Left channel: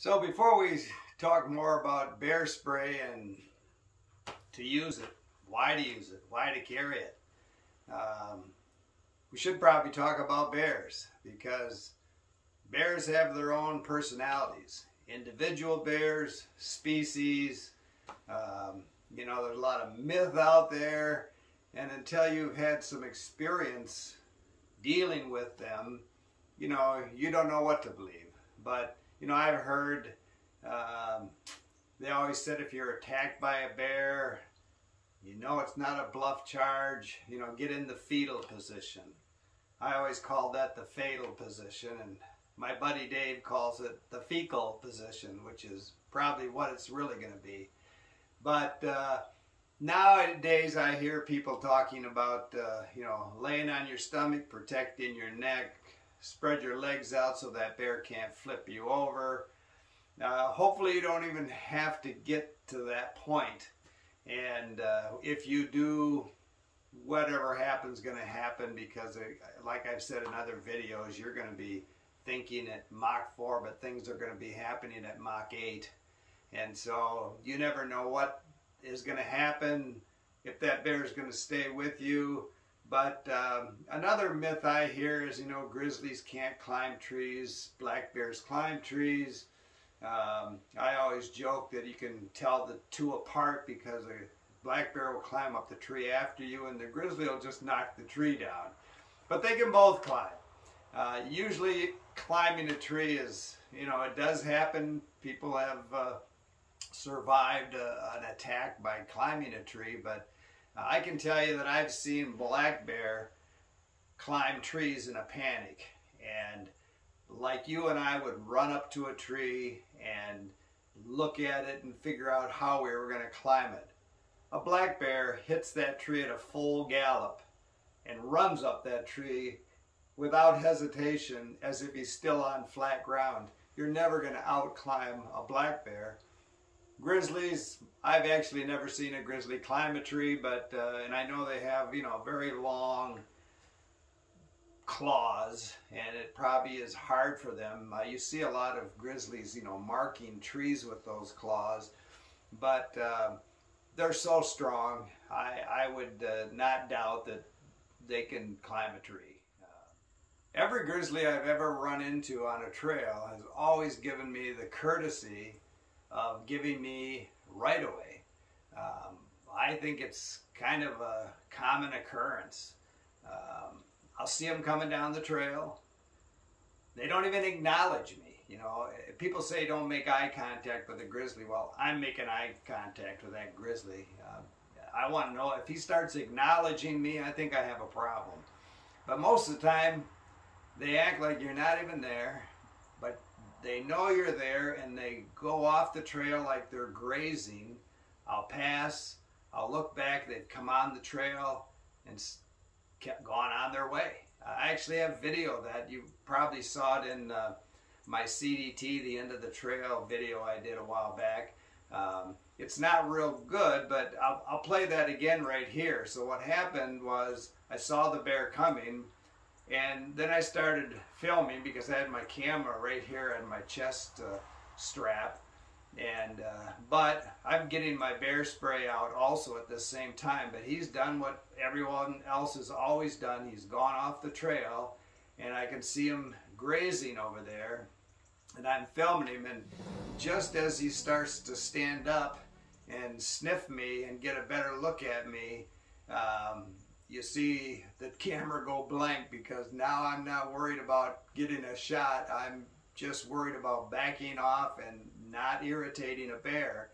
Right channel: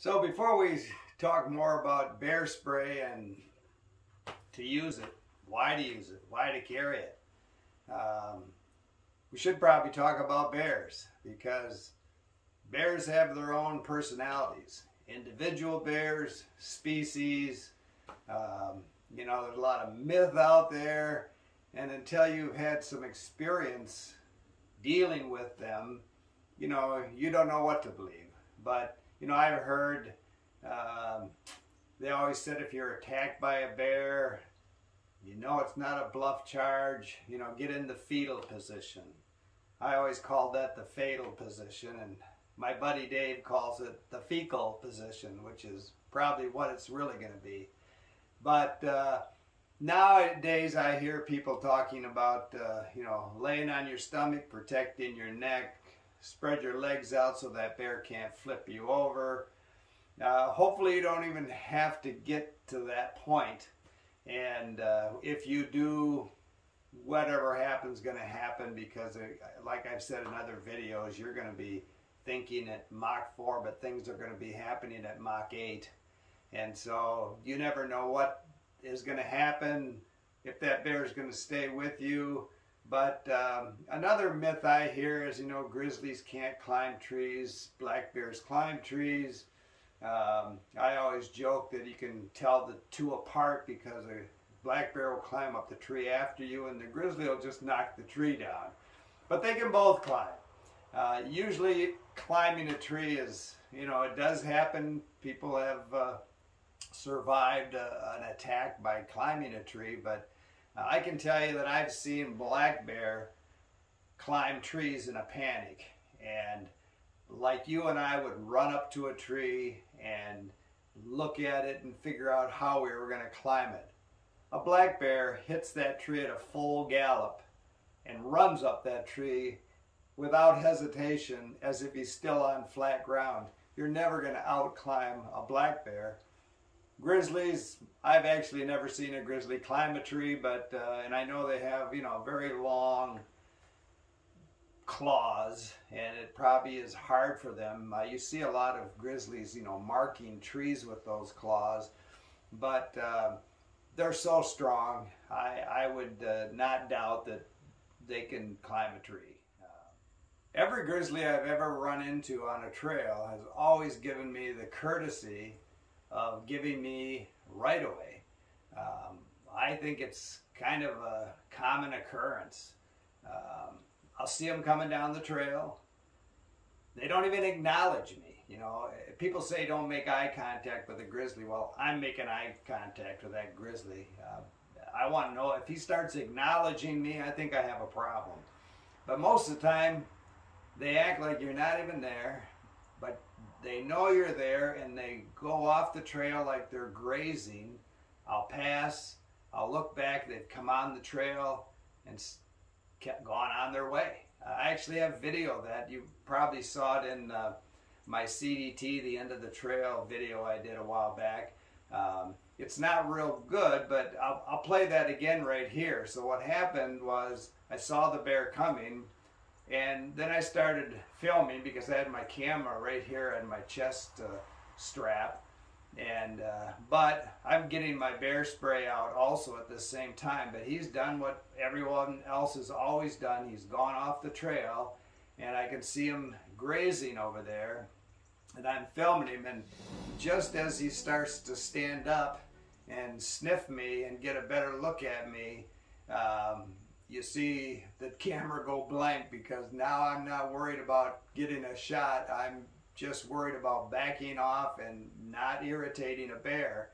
So before we talk more about bear spray and to use it, why to use it, why to carry it, we should probably talk about bears, because bears have their own personalities. Individual bears, species, there's a lot of myth out there, and until you've had some experience dealing with them, you don't know what to believe. But I've heard, they always said if you're attacked by a bear, it's not a bluff charge, get in the fetal position. I always called that the fatal position, and my buddy Dave calls it the fecal position, which is probably what it's really going to be. But nowadays I hear people talking about, laying on your stomach, protecting your neck, spread your legs out so that bear can't flip you over. Hopefully you don't even have to get to that point. And if you do, whatever happens going to happen, because like I've said in other videos, you're going to be thinking at Mach 4, but things are going to be happening at Mach 8. And so you never know what is going to happen, if that bear is going to stay with you. But another myth I hear is, grizzlies can't climb trees, black bears climb trees. I always joke that you can tell the two apart, because a black bear will climb up the tree after you and the grizzly will just knock the tree down. But they can both climb. Usually climbing a tree is, it does happen. People have survived an attack by climbing a tree, but I can tell you that I've seen black bear climb trees in a panic, and like you and I would run up to a tree and look at it and figure out how we were going to climb it. A black bear hits that tree at a full gallop and runs up that tree without hesitation, as if he's still on flat ground. You're never going to out-climb a black bear. Grizzlies, I've actually never seen a grizzly climb a tree, but and I know they have, very long claws, and it probably is hard for them. You see a lot of grizzlies, marking trees with those claws, but they're so strong. I would not doubt that they can climb a tree. Every grizzly I've ever run into on a trail has always given me the courtesy of giving me right away. I think it's kind of a common occurrence. I'll see them coming down the trail. They don't even acknowledge me. People say don't make eye contact with a grizzly. Well, I'm making eye contact with that grizzly. I want to know if he starts acknowledging me. I think I have a problem. But most of the time, they act like you're not even there, but they know you're there, and they go off the trail like they're grazing. I'll pass, I'll look back, they've come on the trail and kept going on their way. I actually have video of that. You probably saw it in my CDT, the end of the trail video I did a while back. It's not real good, but I'll play that again right here. So what happened was, I saw the bear coming, and then I started filming because I had my camera right here on my chest strap. And but I'm getting my bear spray out also at the same time. But he's done what everyone else has always done. He's gone off the trail, and I can see him grazing over there. And I'm filming him, and just as he starts to stand up and sniff me and get a better look at me, you see the camera go blank, because now I'm not worried about getting a shot. I'm just worried about backing off and not irritating a bear.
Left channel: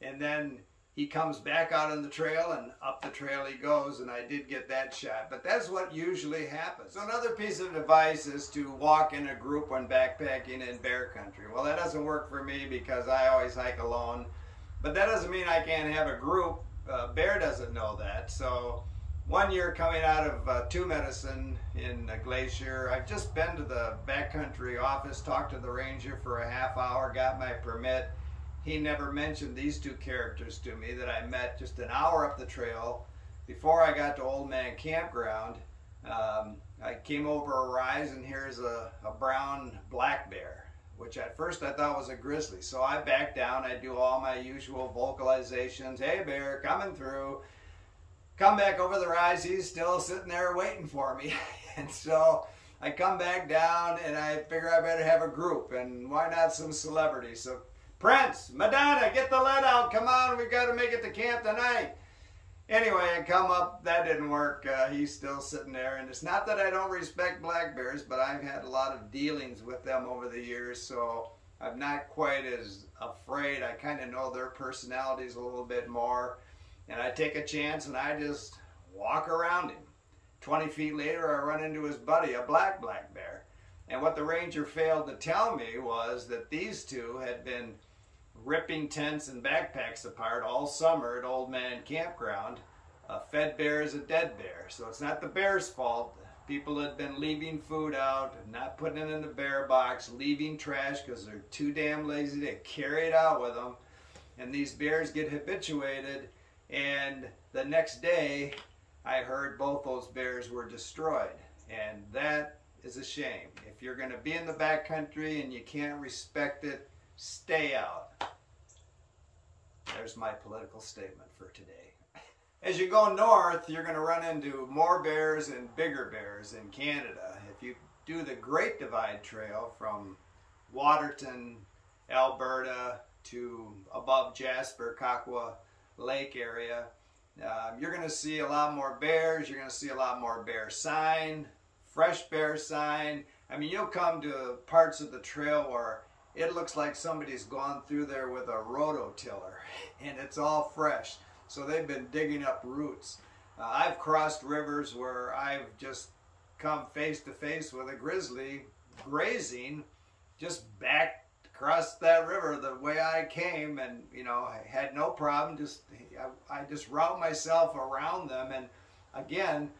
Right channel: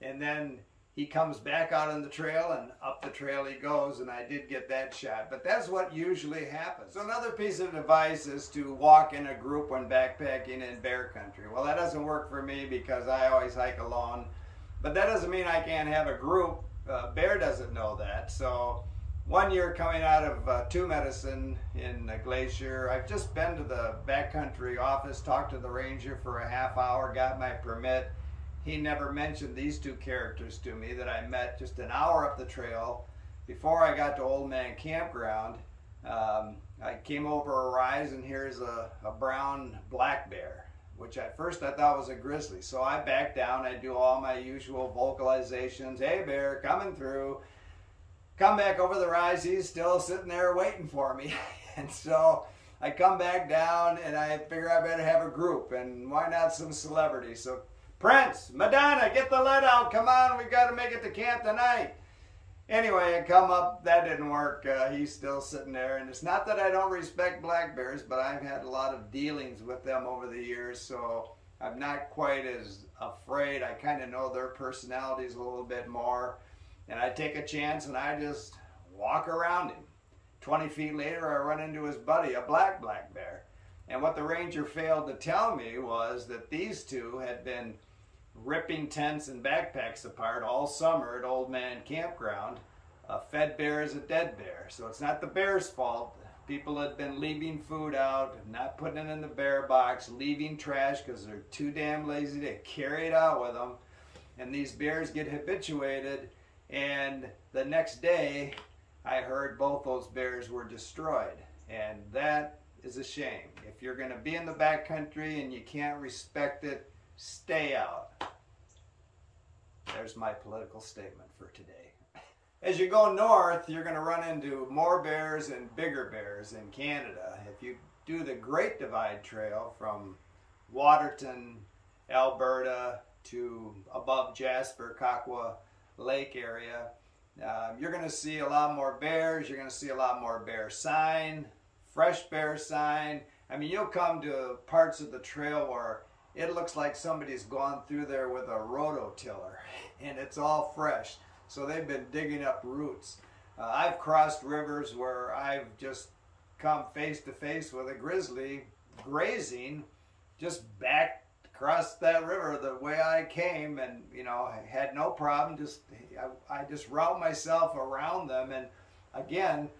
And then he comes back out on the trail, and up the trail he goes, and I did get that shot. But that's what usually happens. So another piece of advice is to walk in a group when backpacking in bear country. Well, that doesn't work for me because I always hike alone. But that doesn't mean I can't have a group. Bear doesn't know that. So one year coming out of Two Medicine in Glacier, I've just been to the backcountry office, talked to the ranger for a half hour, got my permit. He never mentioned these two characters to me that I met just an hour up the trail before I got to Old Man Campground. I came over a rise, and here's a brown black bear. which at first I thought was a grizzly. So I back down, I do all my usual vocalizations. Hey bear, coming through. Come back over the rise, he's still sitting there waiting for me. And so I come back down and I figure I better have a group, and why not some celebrities? So Prince, Madonna, get the lead out, come on, we got to make it to camp tonight. Anyway, I come up, that didn't work. He's still sitting there, and it's not that I don't respect black bears, but I've had a lot of dealings with them over the years, so I'm not quite as afraid. I kind of know their personalities a little bit more, and I take a chance and I just walk around him. 20 feet later, I run into his buddy, a black bear. And what the ranger failed to tell me was that these two had been ripping tents and backpacks apart all summer at Old Man Campground. A fed bear is a dead bear, so it's not the bear's fault. People had been leaving food out, not putting it in the bear box, leaving trash because they're too damn lazy to carry it out with them. And these bears get habituated, and the next day I heard both those bears were destroyed, and that is a shame. If you're going to be in the backcountry and you can't respect it, stay out. There's my political statement for today. As you go north, you're going to run into more bears and bigger bears in Canada. If you do the Great Divide Trail from Waterton, Alberta to above Jasper, Kakwa Lake area, you're going to see a lot more bears. You're going to see a lot more bear sign, fresh bear sign. I mean, you'll come to parts of the trail where it looks like somebody's gone through there with a rototiller, and it's all fresh. So they've been digging up roots. I've crossed rivers where I've just come face to face with a grizzly grazing just back across that river the way I came, and you know, I had no problem. I just route myself around them. And again,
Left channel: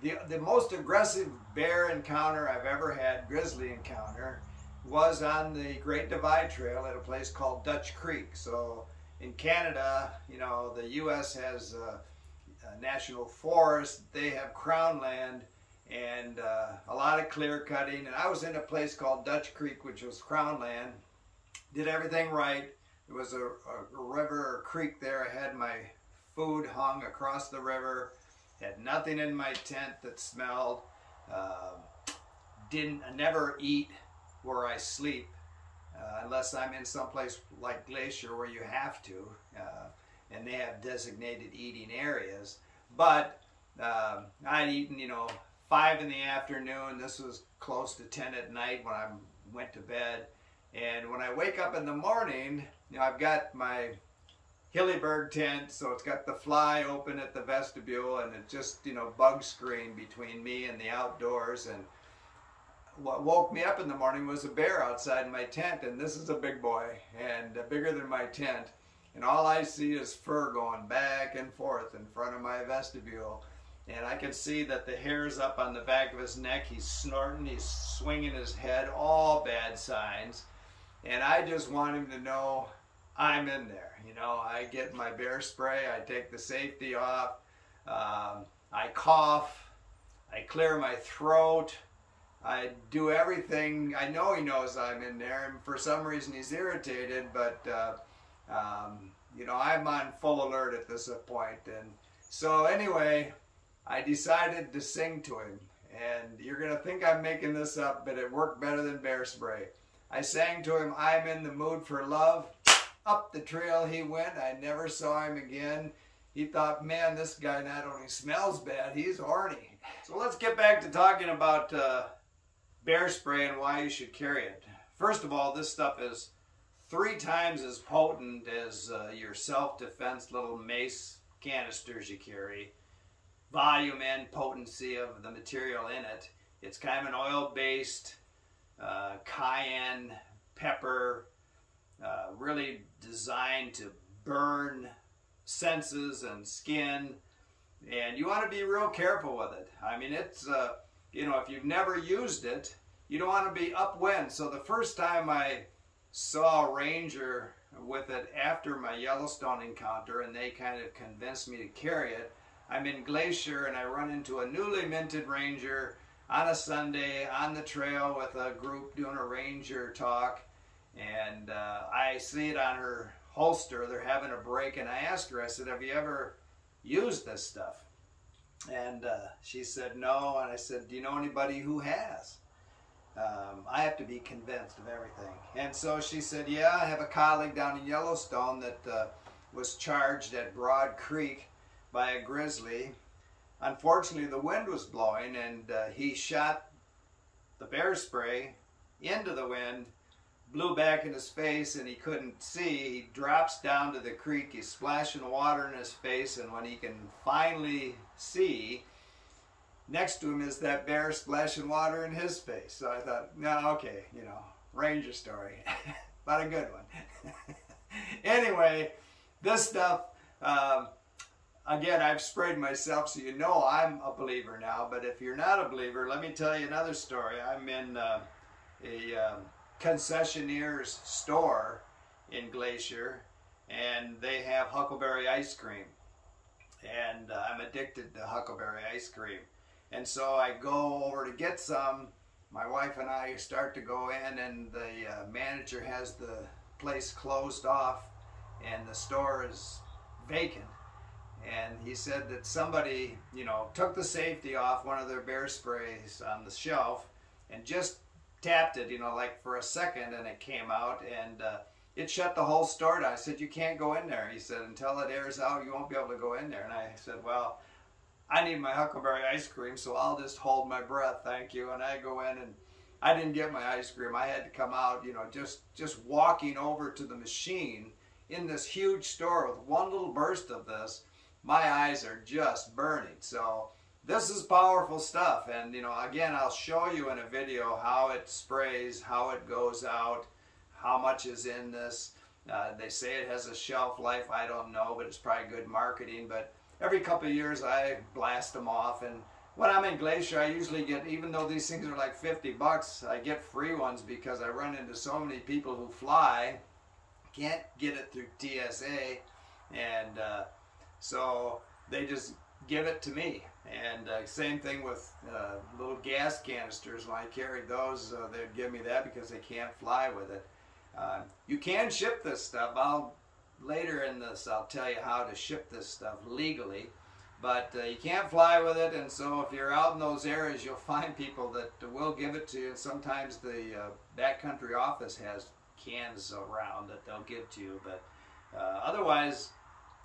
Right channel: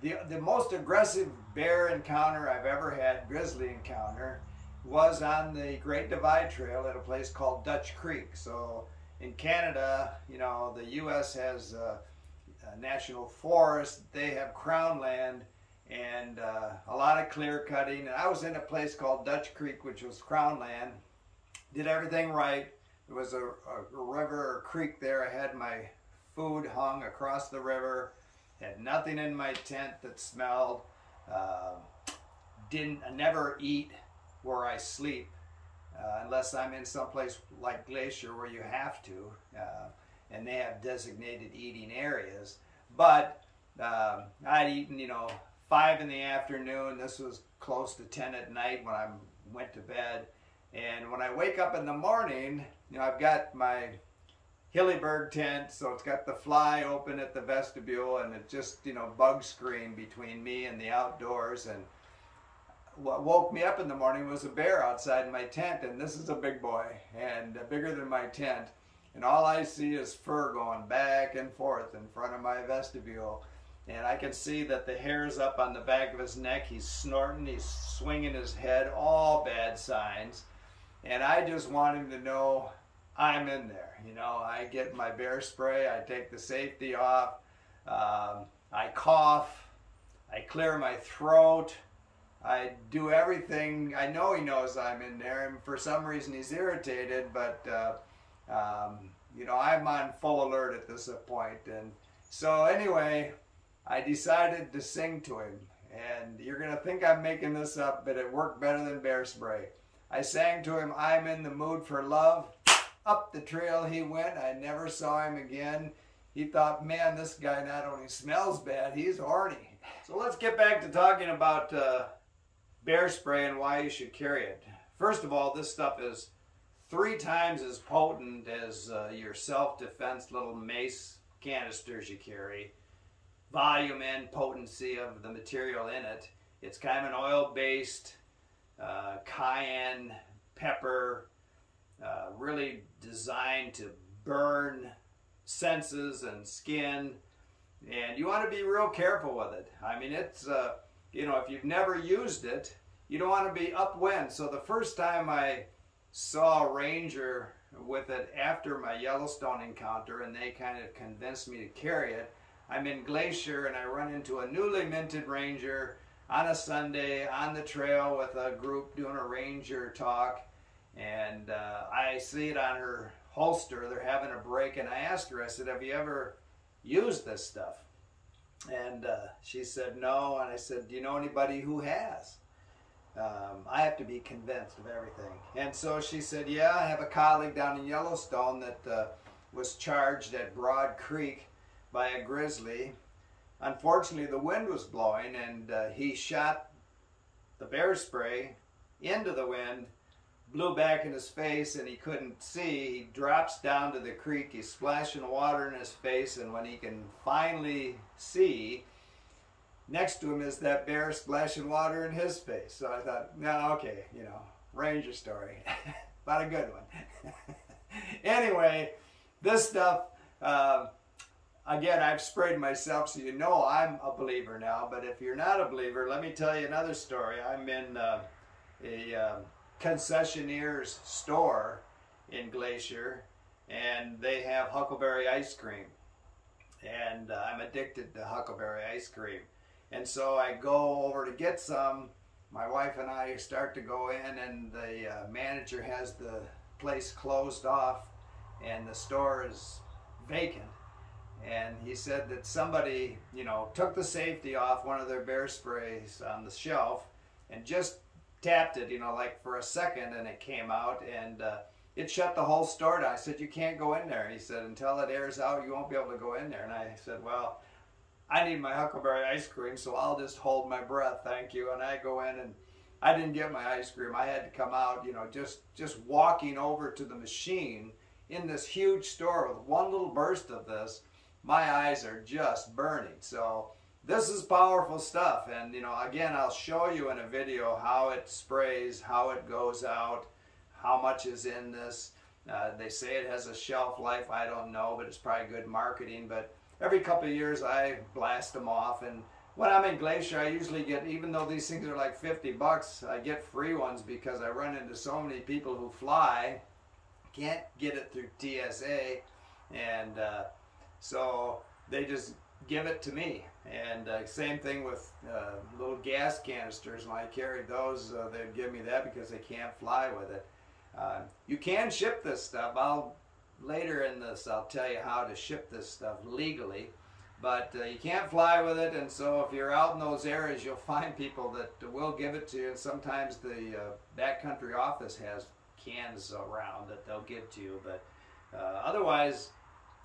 the most aggressive bear encounter I've ever had, grizzly encounter, was on the Great Divide Trail at a place called Dutch Creek. So in Canada, you know, the U.S. has a national forest. They have crown land and a lot of clear cutting. And I was in a place called Dutch Creek, which was crown land. Did everything right. There was a river or creek there. I had my food hung across the river. Had nothing in my tent that smelled. I never eat where I sleep unless I'm in some place like Glacier where you have to, and they have designated eating areas. But I'd eaten, you know, 5 in the afternoon. This was close to 10 at night when I went to bed. And when I wake up in the morning, you know, I've got my Hillyberg tent, so it's got the fly open at the vestibule, and it's just, you know, bug screen between me and the outdoors. And what woke me up in the morning was a bear outside my tent, and this is a big boy and bigger than my tent, and all I see is fur going back and forth in front of my vestibule, and I can see that the hair's up on the back of his neck. He's snorting, he's swinging his head, all bad signs, and I just want him to know I'm in there. You know, I get my bear spray, I take the safety off, I cough, I clear my throat, I do everything. I know he knows I'm in there, and for some reason he's irritated, but you know, I'm on full alert at this point. And so anyway, I decided to sing to him, and you're gonna think I'm making this up, but it worked better than bear spray. I sang to him, "I'm in the mood for love." Up the trail he went. I never saw him again. He thought, man, this guy not only smells bad, he's horny. So let's get back to talking about bear spray and why you should carry it. First of all, this stuff is 3 times as potent as your self-defense little mace canisters you carry. Volume and potency of the material in it. It's kind of an oil-based cayenne pepper, really designed to burn senses and skin, and you want to be real careful with it. I mean, it's you know, if you've never used it, you don't want to be upwind. So the first time I saw a ranger with it after my Yellowstone encounter, and they kind of convinced me to carry it, I'm in Glacier and I run into a newly minted ranger on a Sunday on the trail with a group doing a ranger talk, And I see it on her holster. They're having a break, and I asked her, I said, have you ever used this stuff? And she said no, and I said, do you know anybody who has? I have to be convinced of everything. And so she said, yeah, I have a colleague down in Yellowstone that was charged at Broad Creek by a grizzly. Unfortunately, the wind was blowing, and he shot the bear spray into the wind, blew back in his face, and he couldn't see. He drops down to the creek, he's splashing water in his face, and when he can finally see, next to him is that bear splashing water in his face. So I thought, no, okay, you know, ranger story, but a good one. Anyway, this stuff, again, I've sprayed myself, so you know I'm a believer now. But if you're not a believer, let me tell you another story. I'm in a concessionaire's store in Glacier, and they have huckleberry ice cream. And I'm addicted to huckleberry ice cream. And so I go over to get some. My wife and I start to go in, and the manager has the place closed off, and the store is vacant. And he said that somebody, you know, took the safety off one of their bear sprays on the shelf and just tapped it, you know, like for a second, and it came out, and it shut the whole store down. I said, you can't go in there. He said, until it airs out, you won't be able to go in there. And I said, well, I need my huckleberry ice cream, so I'll just hold my breath, thank you. And I go in, and I didn't get my ice cream. I had to come out, you know, just walking over to the machine in this huge store with one little burst of this. My eyes are just burning. So this is powerful stuff. And, you know, again, I'll show you in a video how it sprays, how it goes out, how much is in this. They say it has a shelf life. I don't know, but it's probably good marketing. But every couple of years, I blast them off. And when I'm in Glacier, I usually get, even though these things are like 50 bucks, I get free ones because I run into so many people who fly, can't get it through TSA, and so they just give it to me. And same thing with little gas canisters. When I carried those, they'd give me that because they can't fly with it. You can ship this stuff. Later in this, I'll tell you how to ship this stuff legally. But you can't fly with it, and so if you're out in those areas, you'll find people that will give it to you. And sometimes the backcountry office has cans around that they'll give to you. But otherwise,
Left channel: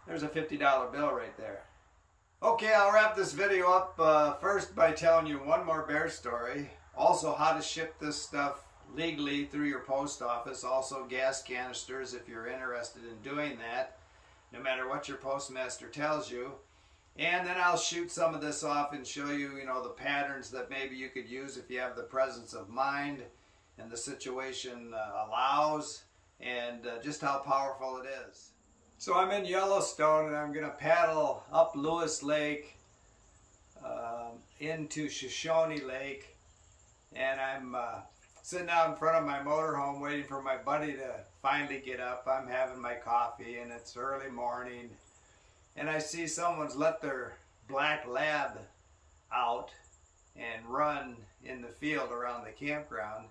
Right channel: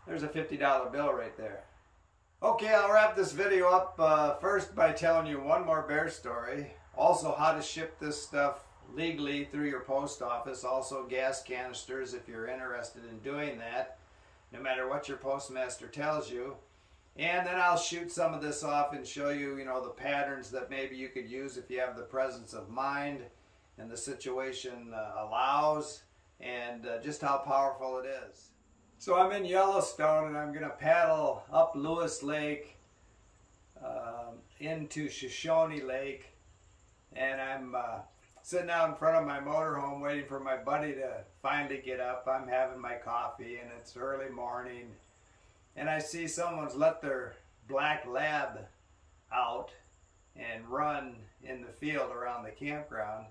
there's a $50 bill right there. Okay, I'll wrap this video up first by telling you one more bear story. Also, how to ship this stuff legally through your post office. Also, gas canisters if you're interested in doing that, no matter what your postmaster tells you. And then I'll shoot some of this off and show you, you know, the patterns that maybe you could use if you have the presence of mind and the situation allows, and just how powerful it is. So I'm in Yellowstone, and I'm going to paddle up Lewis Lake into Shoshone Lake, and I'm sitting out in front of my motorhome waiting for my buddy to finally get up. I'm having my coffee, and it's early morning, and I see someone's let their black lab out and run in the field around the campground.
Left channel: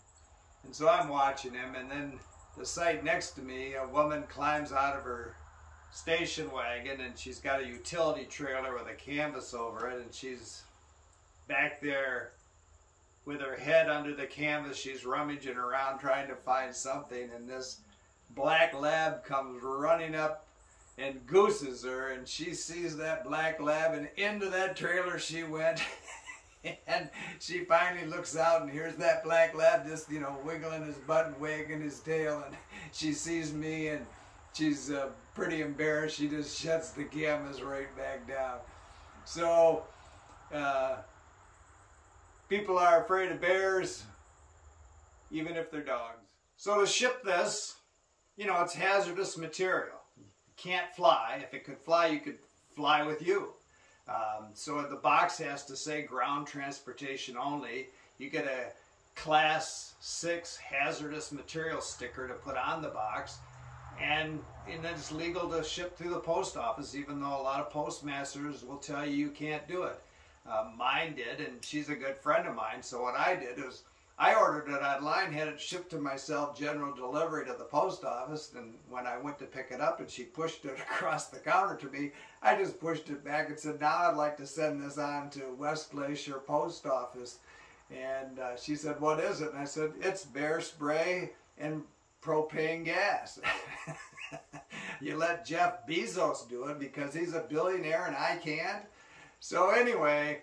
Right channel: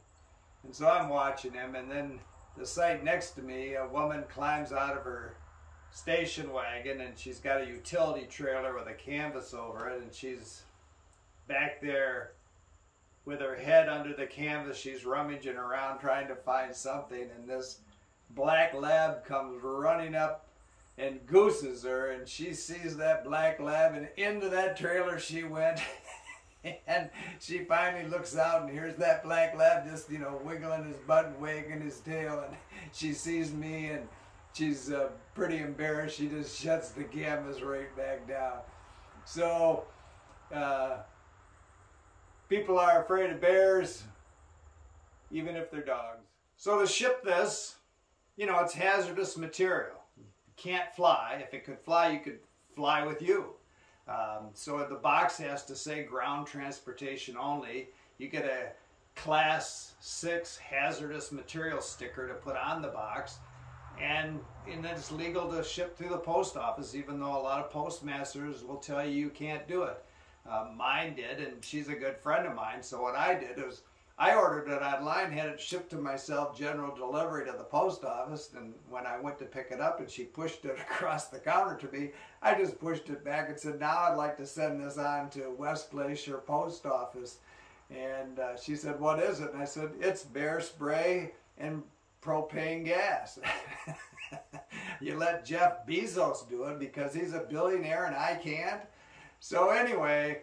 And so I'm watching him, and then the site next to me, a woman climbs out of her station wagon, and she's got a utility trailer with a canvas over it, and she's back there with her head under the canvas. She's rummaging around trying to find something, and this black lab comes running up and gooses her, and she sees that black lab, and into that trailer she went. And she finally looks out, and here's that black lab just, you know, wiggling his butt and wagging his tail, and she sees me, and she's pretty embarrassed. She just shuts the canvas right back down. So people are afraid of bears, even if they're dogs. So to ship this, you know, it's hazardous material. It can't fly. If it could fly, you could fly with you. So the box has to say ground transportation only. You get a class 6 hazardous material sticker to put on the box, and then it's legal to ship through the post office, even though a lot of postmasters will tell you you can't do it. Mine did, and she's a good friend of mine. So what I did is I ordered it online, had it shipped to myself, general delivery to the post office, and when I went to pick it up and she pushed it across the counter to me, I just pushed it back and said, now I'd like to send this on to West Glacier Post Office. And she said, what is it? And I said, it's bear spray and propane gas. You let Jeff Bezos do it because he's a billionaire and I can't. So anyway,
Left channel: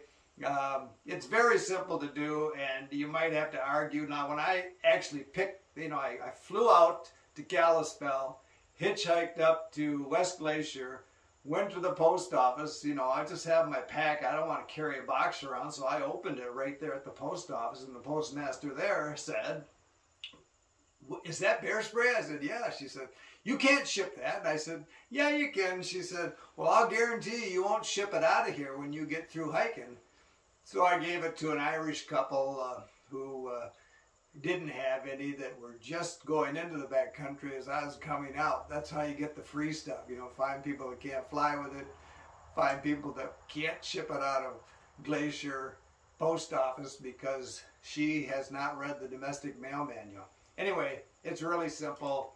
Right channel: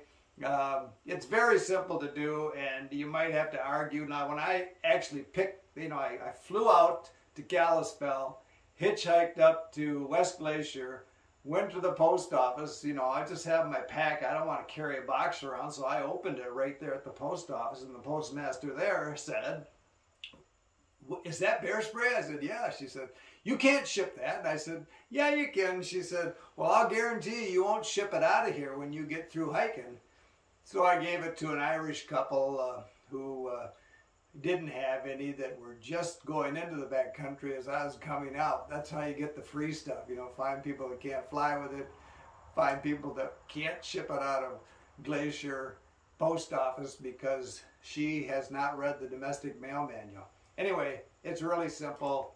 it's very simple to do, and you might have to argue. Now, when I actually picked, I flew out to Kalispell, hitchhiked up to West Glacier, went to the post office. I just have my pack. I don't want to carry a box around, so I opened it right there at the post office, and the postmaster there said, is that bear spray? I said, yeah. She said, you can't ship that. And I said, yeah, you can. She said, well, I'll guarantee you won't ship it out of here when you get through hiking. So I gave it to an Irish couple who didn't have any, that were just going into the backcountry as I was coming out. That's how you get the free stuff. Find people that can't fly with it, find people that can't ship it out of Glacier Post Office because she has not read the domestic mail manual. Anyway, it's really simple.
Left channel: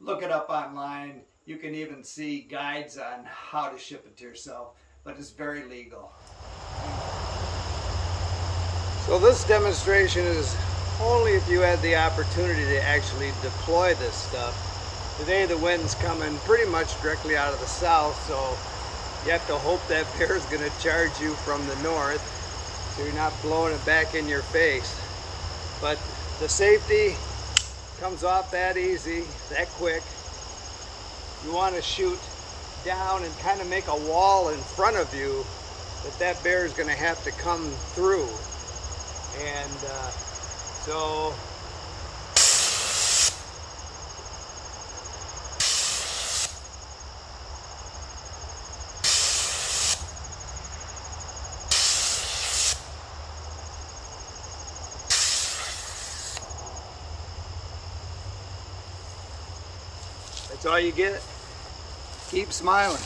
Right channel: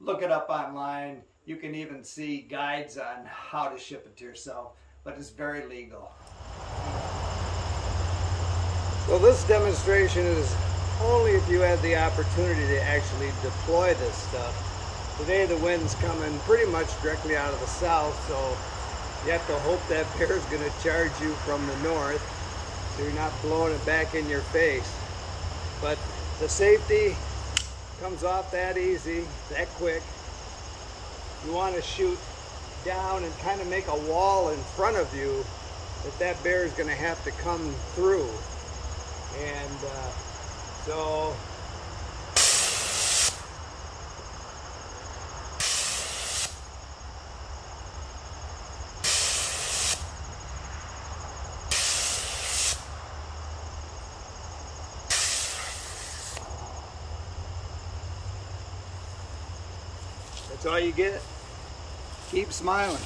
Look it up online. You can even see guides on how to ship it to yourself, but it's very legal. So this demonstration is only if you had the opportunity to actually deploy this stuff. Today the wind's coming pretty much directly out of the south, so you have to hope that bear is going to charge you from the north so you're not blowing it back in your face. But the safety comes off that easy, that quick. You want to shoot down and kind of make a wall in front of you that bear is going to have to come through. And so that's all you get. Keep smiling.